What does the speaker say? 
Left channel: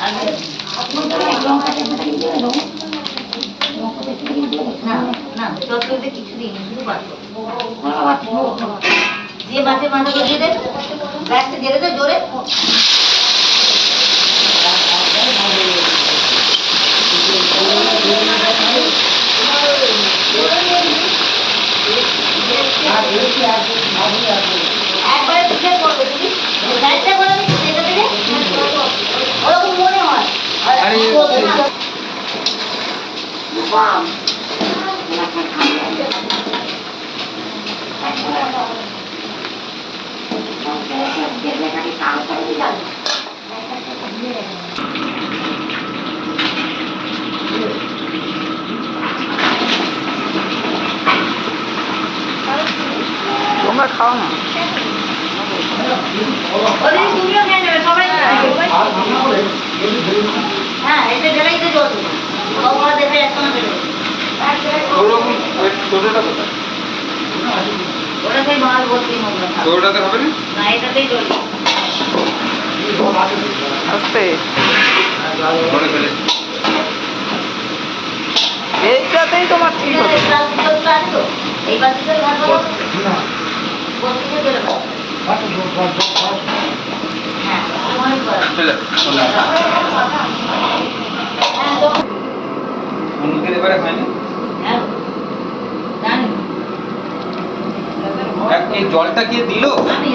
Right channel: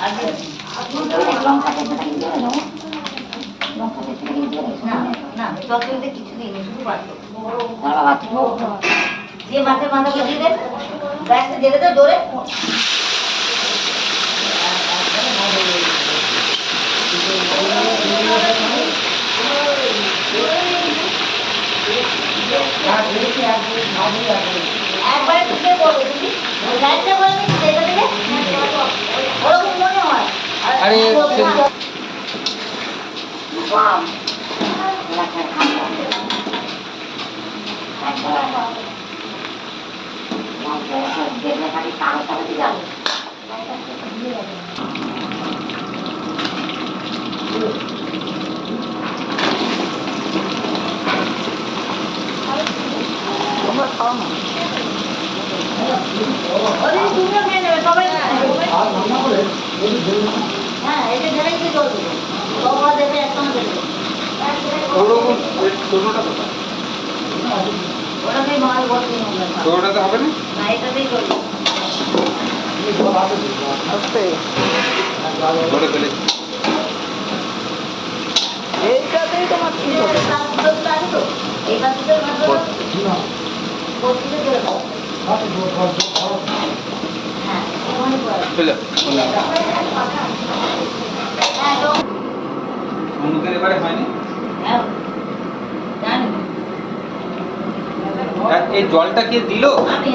না না তততে কিছু দিই শুধু পাতো দিয়ে মাছের মাথা বসিয়ে দে গ্যাসটা দিয়ে দে জোরে একবারে তুলে করবে দিদি গ্যাসটা করে দিচ্ছি সেটা থেকে ওরকম মনে হয় তোমরা খাও না তুমিও খেয়ে নেবে সবাই হ্যাঁ এটা ঢেলাই দিয়ে জল দেবো বাবা দেখে একসঙ্গে বেরোবে ওরকম ছোটটা কোথায় ওটাকে মাল ভর্তি হবে ছোটটাতে হবে না না এটাতেই জল আস্তে বড় ফেলে এইটাতেই তোমার ঠিক হবে এই বাতিতে ভাত বলো বলতে গেলে হ্যাঁ অনেক বড় চলে হ্যাঁ তো সমুদ্রের এবারে হয়নি হ্যাঁ জানি এই জলটা কে দিল আমি